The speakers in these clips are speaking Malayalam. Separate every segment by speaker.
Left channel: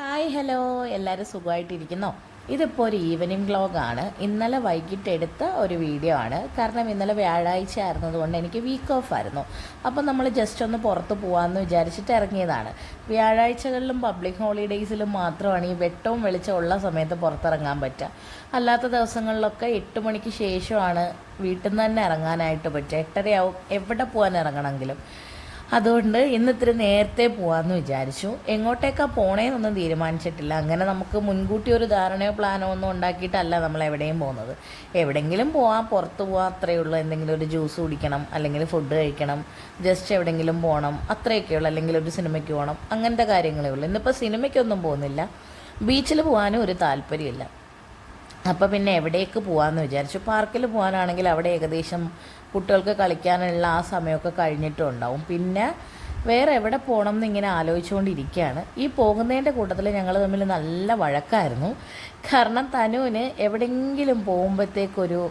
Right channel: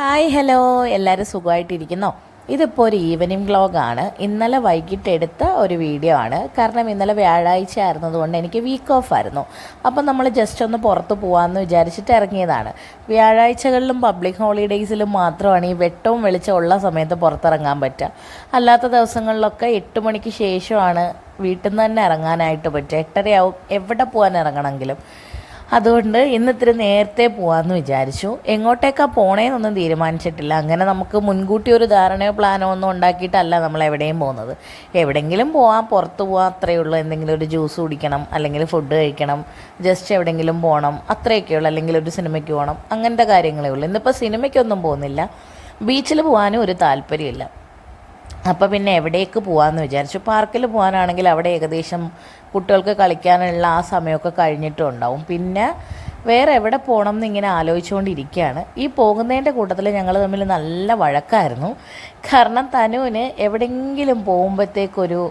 Speaker 1: Hi hello. എല്ലാവരും സുഖമായിട്ടിരിക്കുന്നോ? ഇതിപ്പോൾ ഒരു ഈവനിങ് വ്ളോഗാണ് ഇന്നലെ വൈകിട്ട് എടുത്ത ഒരു വീഡിയോ ആണ്. കാരണം ഇന്നലെ വ്യാഴാഴ്ച ആയിരുന്നതുകൊണ്ട് എനിക്ക് വീക്ക് ഓഫ് ആയിരുന്നു. അപ്പം നമ്മൾ ജസ്റ്റ് ഒന്ന് പുറത്ത് പോകാമെന്ന് വിചാരിച്ചിട്ട് ഇറങ്ങിയതാണ്. വ്യാഴാഴ്ചകളിലും പബ്ലിക് ഹോളിഡേയ്സിലും മാത്രമാണ് ഈ വെട്ടവും വെളിച്ചം ഉള്ള സമയത്ത് പുറത്തിറങ്ങാൻ പറ്റുക. അല്ലാത്ത ദിവസങ്ങളിലൊക്കെ എട്ട് മണിക്ക് ശേഷമാണ് വീട്ടിൽ നിന്ന് തന്നെ ഇറങ്ങാനായിട്ട് പറ്റുക. എട്ടരയാവും എവിടെ പോകാൻ ഇറങ്ങണമെങ്കിലും. അതുകൊണ്ട് ഇന്ന് ഇത്തിരി നേരത്തെ പോവാന്ന് വിചാരിച്ചു. എങ്ങോട്ടേക്കാ പോണേന്നൊന്നും തീരുമാനിച്ചിട്ടില്ല. അങ്ങനെ നമുക്ക് മുൻകൂട്ടി ഒരു ധാരണയോ പ്ലാനോ ഒന്നും ഉണ്ടാക്കിയിട്ടല്ല നമ്മൾ എവിടെയും പോകുന്നത്. എവിടെങ്കിലും പോവാം പുറത്ത് പോവാം അത്രയേ ഉള്ളൂ. എന്തെങ്കിലും ഒരു ജ്യൂസ് കുടിക്കണം അല്ലെങ്കിൽ ഫുഡ് കഴിക്കണം ജസ്റ്റ് എവിടെയെങ്കിലും പോകണം അത്രയൊക്കെ ഉള്ളൂ. അല്ലെങ്കിൽ ഒരു സിനിമയ്ക്ക് പോകണം അങ്ങനത്തെ കാര്യങ്ങളേ ഉള്ളൂ. ഇന്നിപ്പോൾ സിനിമയ്ക്കൊന്നും പോകുന്നില്ല. ബീച്ചിൽ പോകാനും ഒരു താല്പര്യമില്ല. അപ്പോൾ പിന്നെ എവിടേക്ക് പോകാമെന്ന് വിചാരിച്ചു. പാർക്കിൽ പോകാനാണെങ്കിൽ അവിടെ ഏകദേശം കുട്ടികൾക്ക് കളിക്കാനുള്ള ആ സമയമൊക്കെ കഴിഞ്ഞിട്ടുണ്ടാവും. പിന്നെ വേറെ എവിടെ പോകണം എന്നിങ്ങനെ ആലോചിച്ചുകൊണ്ടിരിക്കുകയാണ്. ഈ പോകുന്നതിന്റെ കൂട്ടത്തിൽ ഞങ്ങൾ തമ്മിൽ നല്ല വഴക്കായിരുന്നു. കാരണം തനുവിന് എവിടെയെങ്കിലും പോകുമ്പോഴത്തേക്കൊരു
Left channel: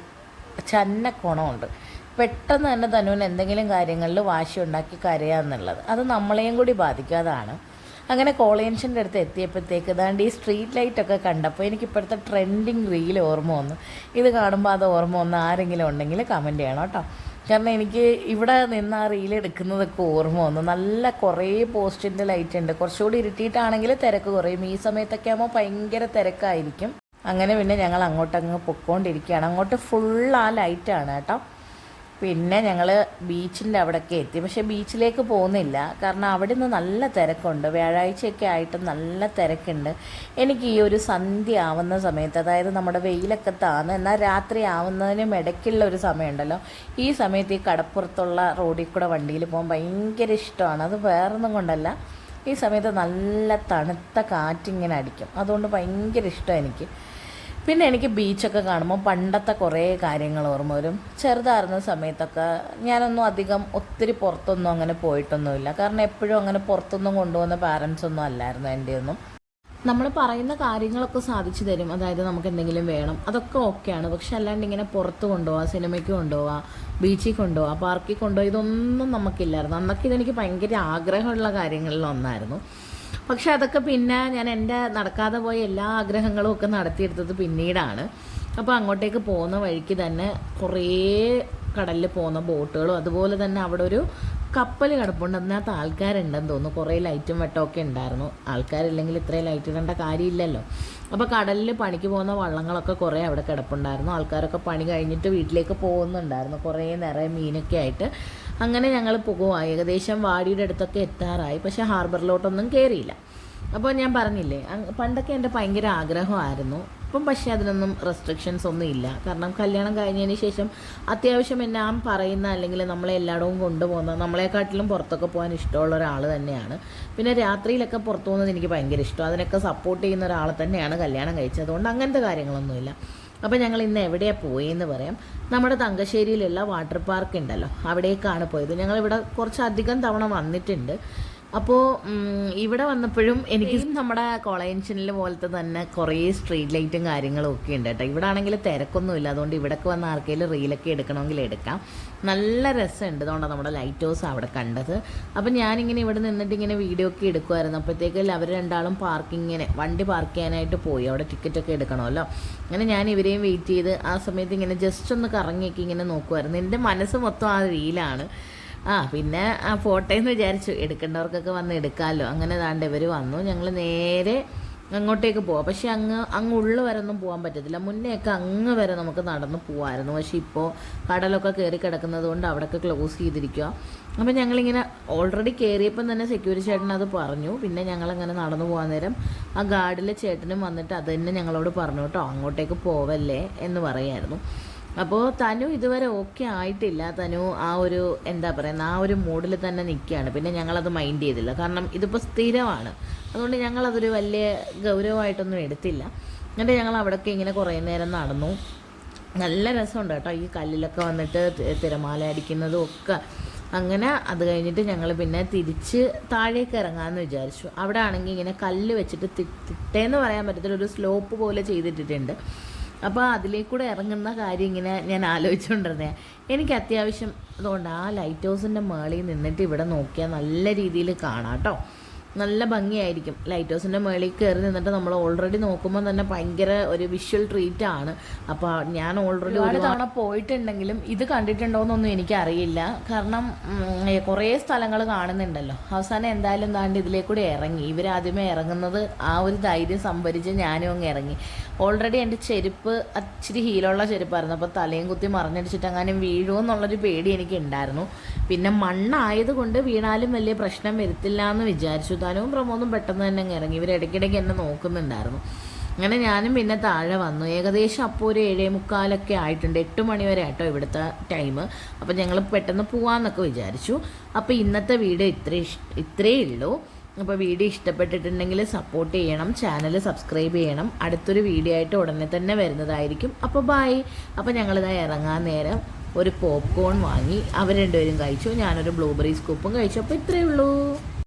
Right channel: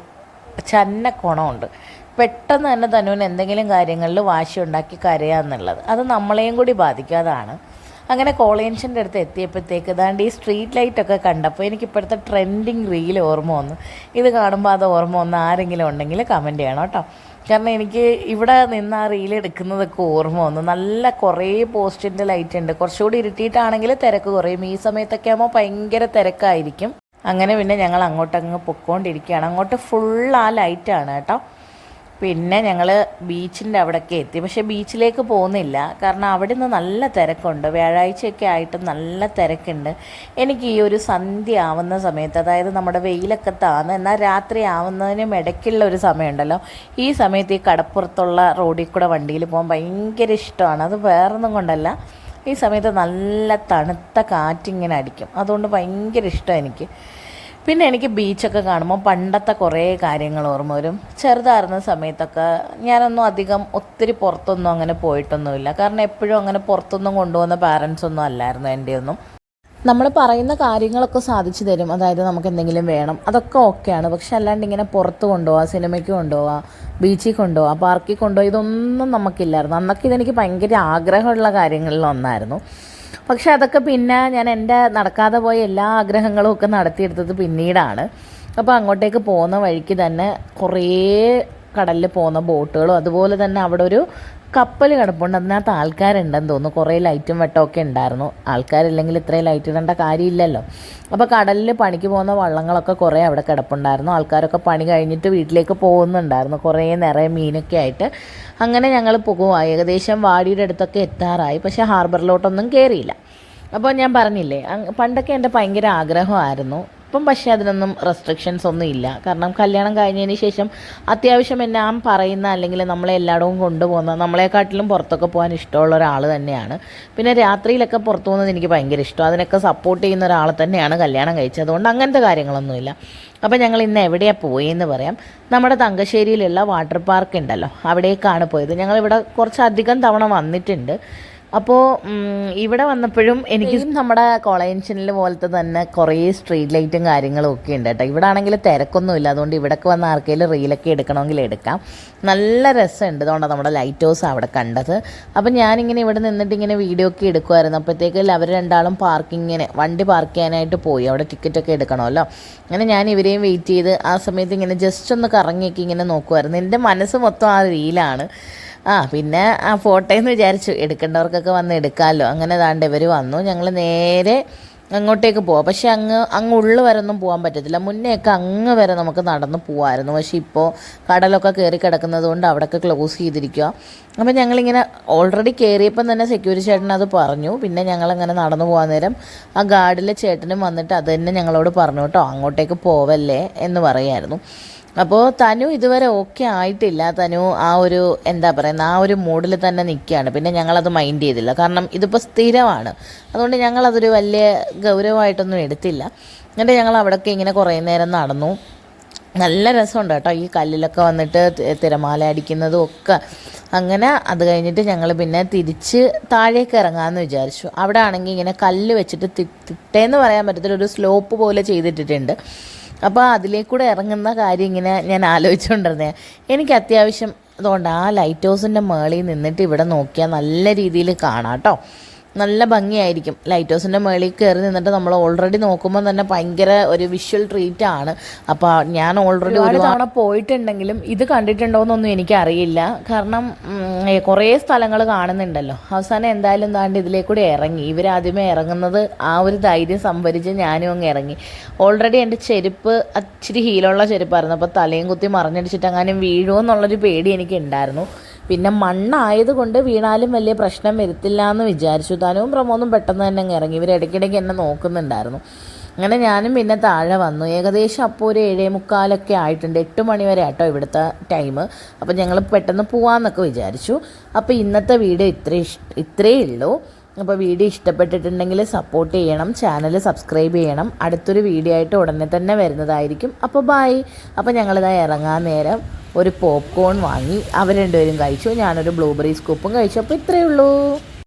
Speaker 1: ചന്ന കുണമുണ്ട് പെട്ടെന്ന് തന്നെ തനുവിന് എന്തെങ്കിലും കാര്യങ്ങളിൽ വാശി ഉണ്ടാക്കി കരയാന്നുള്ളത്. അത് നമ്മളെയും കൂടി ബാധിക്കാതാണ് അങ്ങനെ കോളേജിന്റെ അടുത്ത് എത്തിയപ്പോഴത്തേക്ക് ഏതാണ്ട് ഈ സ്ട്രീറ്റ് ലൈറ്റൊക്കെ കണ്ടപ്പോൾ എനിക്ക് ഇപ്പോഴത്തെ ട്രെൻഡിങ് റീൽ ഓർമ്മ വന്നു. ഇത് കാണുമ്പോൾ അത് ഓർമ്മ വന്ന് ആരെങ്കിലും ഉണ്ടെങ്കിൽ കമന്റ് ചെയ്യണം കേട്ടോ. കാരണം എനിക്ക് ഇവിടെ നിന്ന് ആ റീൽ എടുക്കുന്നതൊക്കെ ഓർമ്മ വന്നു. നല്ല കുറേ പോസ്റ്റിന്റെ ലൈറ്റ് ഉണ്ട്. കുറച്ചുകൂടി ഇരുട്ടിയിട്ടാണെങ്കിൽ തിരക്ക് കുറയും. ഈ സമയത്തൊക്കെ ആകുമ്പോൾ ഭയങ്കര തിരക്കായിരിക്കും. അങ്ങനെ പിന്നെ ഞങ്ങൾ അങ്ങോട്ടങ്ങ് പൊക്കോണ്ടിരിക്കുകയാണ്. അങ്ങോട്ട് ഫുൾ ആ ലൈറ്റാണ് കേട്ടോ. പിന്നെ ഞങ്ങൾ ബീച്ചിന്റെ അവിടേക്ക് എത്തി. പക്ഷേ ബീച്ചിലേക്ക് പോകുന്നില്ല. കാരണം അവിടെ നിന്ന് നല്ല തിരക്കുണ്ട്. വ്യാഴാഴ്ചയൊക്കെ ആയിട്ട് നല്ല തിരക്കുണ്ട്. എനിക്ക് ഈ ഒരു സന്ധ്യ ആവുന്ന സമയത്ത് അതായത് നമ്മുടെ വെയിലൊക്കെ താന്ന് എന്നാൽ രാത്രി ആവുന്നതിനും ഇടയ്ക്കുള്ള ഒരു സമയമുണ്ടല്ലോ. ഈ സമയത്ത് ഈ കടപ്പുറത്തുള്ള റോഡിൽ കൂടെ വണ്ടിയിൽ പോകാൻ ഭയങ്കര ഇഷ്ടമാണ്. അത് വേറൊന്നും കൊണ്ടല്ല. ഈ സമയത്ത് നല്ല തണുത്ത കാറ്റിങ്ങനെ അടിക്കും. അതുകൊണ്ട് ഭയങ്കര ഇഷ്ടമാണ് എനിക്ക്. പിന്നെ എനിക്ക് ബീച്ചൊക്കെ കാണുമ്പോൾ പണ്ടത്തെ കുറേ കാര്യങ്ങൾ ഓർമ്മ വരും. ചെറുതായിരുന്ന സമയത്തൊക്കെ ഞാനൊന്നും അധികം ഒത്തിരി പുറത്തൊന്നും അങ്ങനെ പോയിട്ടൊന്നുമില്ല. കാരണം എപ്പോഴും അങ്ങനെ പുറത്തൊന്നും കൊണ്ടുപോകുന്ന പാരൻസ് ഒന്നും അല്ലായിരുന്നു എന്റെ ഒന്നും. നമ്മൾ പറയുന്ന കാര്യങ്ങളൊക്കെ സാധിച്ചു തരും. അതായത് നമുക്ക് എന്തെങ്കിലും വേണം. അതൊക്കെ ഓക്കെയാണ് പക്ഷെ അല്ലാണ്ട് ഇങ്ങനെ പുറത്ത് കൊണ്ടുപോകാം സിനിമയ്ക്ക് കൊണ്ടുപോകാം ബീച്ചിൽ കൊണ്ടുപോകാം പാർക്കിൽ കൊണ്ടുപോകാം ഇതൊന്നും നമുക്കില്ലായിരുന്നു. അന്നൊക്കെ ഇതെനിക്ക് ഭയങ്കര ആഗ്രഹമുള്ള കാര്യങ്ങളിൽ ഒന്നായിരുന്നു. പക്ഷെ അതൊക്കെ പിന്നെ ഞാൻ എന്റെ നടക്കാതെ പോയ എല്ലാ ആഗ്രഹങ്ങളും ഒക്കെ നടത്തിയെടുത്തത് പിന്നീടാണ്. അപ്പോൾ അങ്ങോട്ടേക്ക് പോകുന്ന വഴിക്ക് തന്നെ കുറേ കടലിൽ പോകുന്ന ബോട്ടുകളും അതുപോലെ തന്നെ അവിടെ ഒരു കപ്പൽ കിടപ്പുണ്ട്. അതിനകത്ത് ആൾക്കാരുണ്ടെന്ന് തോന്നുന്നു. കുറേ ലൈറ്റും വെട്ടമൊക്കെ ഉണ്ടായിരുന്നു. ആൾക്കാരില്ലെങ്കിൽ ഇത്രയും ലൈറ്റ് ഇടേണ്ട കാര്യമില്ലല്ലോ. അപ്പോൾ കടലിൽ പണിക്ക് പോകുന്ന വള്ളങ്ങളൊക്കെ കുറേ അവിടെ കിടപ്പുണ്ടായിരുന്നു. ആൾക്കാരൊക്കെ പണി കഴിഞ്ഞിട്ട് വീട്ടിലേക്ക് പോകുന്നുണ്ടായിരുന്നു. കുറേ നിറയെ മീനൊക്കെ ആയിട്ട്. അങ്ങനെ ഞങ്ങൾ പോകുക ഏകദേശം വാടിയുടെ അടുത്തൊക്കെ എത്താറായി. പക്ഷേ ഹാർബറിലോട്ടൊന്നും കയറിയില്ല അപ്പോൾ ഞാൻ പറഞ്ഞില്ലേ പണ്ടൊക്കെ എന്റെ ഭയങ്കര ആഗ്രഹമായിരുന്നു. ഇപ്പം പക്ഷേ അതിനൊന്നും റെസ്ട്രിക്ഷൻസ് ഒന്നും ഇല്ല. കാരണം കല്യാണം കഴിഞ്ഞതിന് ശേഷം അത്യാവശ്യം ഞാൻ പറയുന്ന അല്ലെങ്കിൽ നമ്മളെ എല്ലായിടവും കൊണ്ടുപോകുന്ന നമ്മളെക്കാട്ടിലും പുറത്തൊക്കെ പോകാൻ ഇഷ്ടമുള്ള ഒരാൾ തന്നെയാണ്. പിന്നെ രാത്രിയിലൊക്കെ പുറത്തു പോകുന്നത് എനിക്ക് ഭയങ്കര ഇഷ്ടം അതിനൊക്കെ സപ്പോർട്ട് ചെയ്യുന്ന ഒരാൾ തന്നെയാണ് കല്യാണം കഴിച്ചത്. അതുകൊണ്ട് അങ്ങനത്തെ കാര്യങ്ങളൊന്നുമില്ല. അപ്പോൾ ഞങ്ങൾ ഇന്ന് എവിടെയാണ് പോയെന്ന് പറയാം. നമ്മുടെ തങ്കശ്ശേരിയിലുള്ള വാട്ടർ പാർക്ക് ഉണ്ടല്ലോ. അവിടേക്കാണ് പോയത്. ഞങ്ങളിവിടെ കുറച്ചധികം തവണ വന്നിട്ടുണ്ട്. അപ്പോൾ ഇവിടെ വന്നപ്പോഴും എനിക്ക് നമ്മുടെ കോളേജ് പോലത്തെ തന്നെ കുറേ സ്ട്രീറ്റ് ലൈറ്റും കാര്യങ്ങളും ഒക്കെ ഉണ്ട് കേട്ടോ. ഇവിടെ ആണെങ്കിൽ തിരക്കൊന്നുമില്ല അതുകൊണ്ട് ഇവിടേക്ക് വന്ന ആർക്കെങ്കിലും റീലൊക്കെ എടുക്കണമെങ്കിൽ എടുക്കാം. നല്ല രസമുണ്ട് അതുകൊണ്ടാണ് നമ്മുടെ ലൈറ്റ് ഹൗസ് അവിടെ കണ്ടത്. അപ്പോൾ ഞാനിങ്ങനെ ഇവിടെ നിന്നിട്ട് ഇങ്ങനെ വീഡിയോ ഒക്കെ എടുക്കുമായിരുന്നു അപ്പോഴത്തേക്ക് അവർ രണ്ടാളും പാർക്കിങ്ങിന് വണ്ടി പാർക്ക് ചെയ്യാനായിട്ട് പോയി. അവിടെ ടിക്കറ്റൊക്കെ എടുക്കണമല്ലോ. അങ്ങനെ ഞാൻ ഇവരെയും വെയിറ്റ് ചെയ്ത് ആ സമയത്ത് ഇങ്ങനെ ജസ്റ്റ് ഒന്ന് കറങ്ങിയൊക്കെ ഇങ്ങനെ നോക്കുമായിരുന്നു എന്റെ മനസ്സ് മൊത്തം ആ റീലാണ് ആ പിന്നെ ആ ഫോട്ടോ എന്ന് വിചാരിച്ചു. എടുക്കേണ്ടവർക്കൊക്കെ വന്ന് എടുക്കാമല്ലോ അങ്ങനെ ദാണ്ട് ഇവർ വന്നു. ഞങ്ങൾ നേരെ അങ്ങോട്ടേക്ക് പോവാം. പക്ഷെ അങ്ങ് അങ്ങ് ഉള്ളു വരെ ഒന്നും പോകാൻ പറ്റത്തില്ല. മുന്നേയൊക്കെ അങ്ങ് വരെ നമുക്ക് നടന്ന് പോകാമായിരുന്നു പക്ഷെ ഇപ്പോൾ കടലൊക്കെ കയറി കിടക്കുന്നത് കൊണ്ട് അവിടെയൊക്കെ ക്ലോസ് ചെയ്തിരിക്കുക അപ്പോൾ ഞങ്ങളിങ്ങനെ ഓൾറെഡി കയറിയപ്പം തന്നെ സെക്യൂരിറ്റി ചേട്ടൻ അത് പറഞ്ഞു. പിന്നെ ഞങ്ങളങ്ങനെ നടന്നു പോകാൻ നേരം ആ ഗാർഡിലെ ചേട്ടനും വന്നിട്ട് അത് തന്നെ ഞങ്ങളോട് പറഞ്ഞു. കേട്ടോ അങ്ങോട്ടേക്ക് പോവല്ലേ എന്ന് പറയായിരുന്നു. അപ്പോൾ തനു ഇതുവരെ ഓക്കെ ആയിട്ടില്ല. തനു ആ ഒരു എന്താ പറയുന്നത് ആ ഒരു മൂഡിൽ തന്നെ നിൽക്കുകയാണ് പിന്നെ ഞങ്ങളത് മൈൻഡ് ചെയ്തില്ല. കാരണം ഇതിപ്പോൾ സ്ഥിരമാണ്. അതുകൊണ്ട് ഞങ്ങളതൊരു വലിയ ഗൗരവമായിട്ടൊന്നും എടുത്തില്ല. എന്നിട്ട് ഞങ്ങൾ അവിടെയൊക്കെ ഇങ്ങനെ കുറേ നേരം നടന്നു. നല്ല രസമുണ്ട് കേട്ടോ. ഈ കല്ലിലൊക്കെ വന്നിട്ട് തിരമാല അടിക്കുന്നതും ഒക്കെ. അങ്ങനെ അത് കഴിഞ്ഞിട്ട് ഞങ്ങൾ പിന്നെ തിരിച്ച് താഴേക്ക് ഇറങ്ങാമെന്ന് വിചാരിച്ചു. അവിടെ ആണെങ്കിൽ ഇങ്ങനെ കല്ല് വെച്ചിട്ട് തിട്ടേന്ന് പറയാൻ പറ്റത്തില്ല. ഒരു സ്ലോപ്പ് പോലെ ചെയ്തിട്ടിട്ടുണ്ട്. അപ്പോൾ അതിലേക്കൂടെ ഇറങ്ങുന്ന കാര്യം ഇങ്ങനെ ഞാൻ ആലോചിച്ചുകൊണ്ടിരുന്നേ എനിക്ക് അത്യാവശ്യം അതുകൊണ്ട് ആ ലൈറ്റ് ഹൗസിന്റെ മേളിൽ നിന്നിട്ട് ഇവിടെ നോക്കിയാൽ നല്ല രീതിയിൽ കാണാം കേട്ടോ. നല്ല ഭംഗിയായിരിക്കും. ലൈറ്റ് ഹൗസിന്റെ മുകളിൽ കയറി നിന്നിട്ട് നമ്മൾ ഓൾറെഡി നോക്കുമ്പോൾ തന്നെ ഭയങ്കര ഒരു വിഷ്വൽ ട്രീറ്റ് ആണ്. അപ്പോൾ ഞാൻ ഓൾറെഡി ഒരു തവണ പോയിട്ടുണ്ടെങ്കിലും ഇത് കണ്ടിട്ടുണ്ടോയെന്നൊന്നും എനിക്കറിയില്ല. കാരണം കുറേ സ്ഥലങ്ങൾ കാണുന്നുണ്ടല്ലോ. അവസാനം എന്തായാലും താണ്ട് ഇതിലേക്കൂടി ഇറങ്ങി. ഇവർ ആദ്യമേ ഇറങ്ങുന്നത് ആ ഒരു ധൈര്യം സംഭരിച്ച് ഞാനും അങ്ങ് ഇറങ്ങി. ഓൾറെഡി എന്റെ ചെരുപ്പ് അച്ചിരി ഹീലുള്ള ചെരുപ്പായിരുന്നു. അപ്പോൾ തലയും കുത്തി മറിഞ്ഞടിച്ചിട്ട് അങ്ങനെ വീഴുമോ എന്നുള്ളൊരു പേടി എനിക്ക് ഉണ്ടായിരുന്നു പിന്നെ മണ്ണായതുകൊണ്ട് വീണാലും വലിയ പ്രശ്നം വരത്തില്ല എന്ന് വിചാരിച്ചു. താനും പ്രമോദും പെട്ടെന്ന് തന്നെ അങ്ങ് ഇറങ്ങി. ഇവർ ഇടയ്ക്കിടയ്ക്ക് എന്നെ നോക്കുന്നുണ്ടായിരുന്നു. അങ്ങനെ ഞാനും പിന്നെ താഴെ വന്നു. ഏകദേശം അപ്പോൾ ഒരു ഏഴേ മുക്കാലൊക്കെ ആയിട്ടുണ്ട്. എട്ട് മണി വരെ ആട്ടോ ഇവിടുത്തെ ടൈം. അപ്പോൾ ഞങ്ങൾ പെട്ടെന്ന് പോവാന്നൊക്കെ വിചാരിച്ചു. അപ്പോൾ ഇന്നത്തെ വീഡിയോ ഇത്രേ ഇത്രയേ ഉള്ളൂ. അപ്പോൾ വീഡിയോ ഇഷ്ടപ്പെട്ടിട്ടുണ്ടെങ്കിൽ സപ്പോർട്ട് ചെയ്യണം. ചാനൽ സബ്സ്ക്രൈബ് ചെയ്യണം. അടുത്തൊരു വീഡിയോ ആയിട്ട് ഉടനെ തന്നെ വരുന്നതായിരിക്കും. അപ്പോൾ ബായ് അപ്പോൾ ഞങ്ങളിതാ ഇറങ്ങാൻ നേരം. ഒരു പോപ്കോൺ വാങ്ങി അവർ രണ്ടുപേരും കഴിച്ചു. ഞാനൊരു ബ്ലൂബെറി സ്കൂപ്പും കഴിച്ചു. അപ്പോൾ ഇത്രയേ ഉള്ളൂ.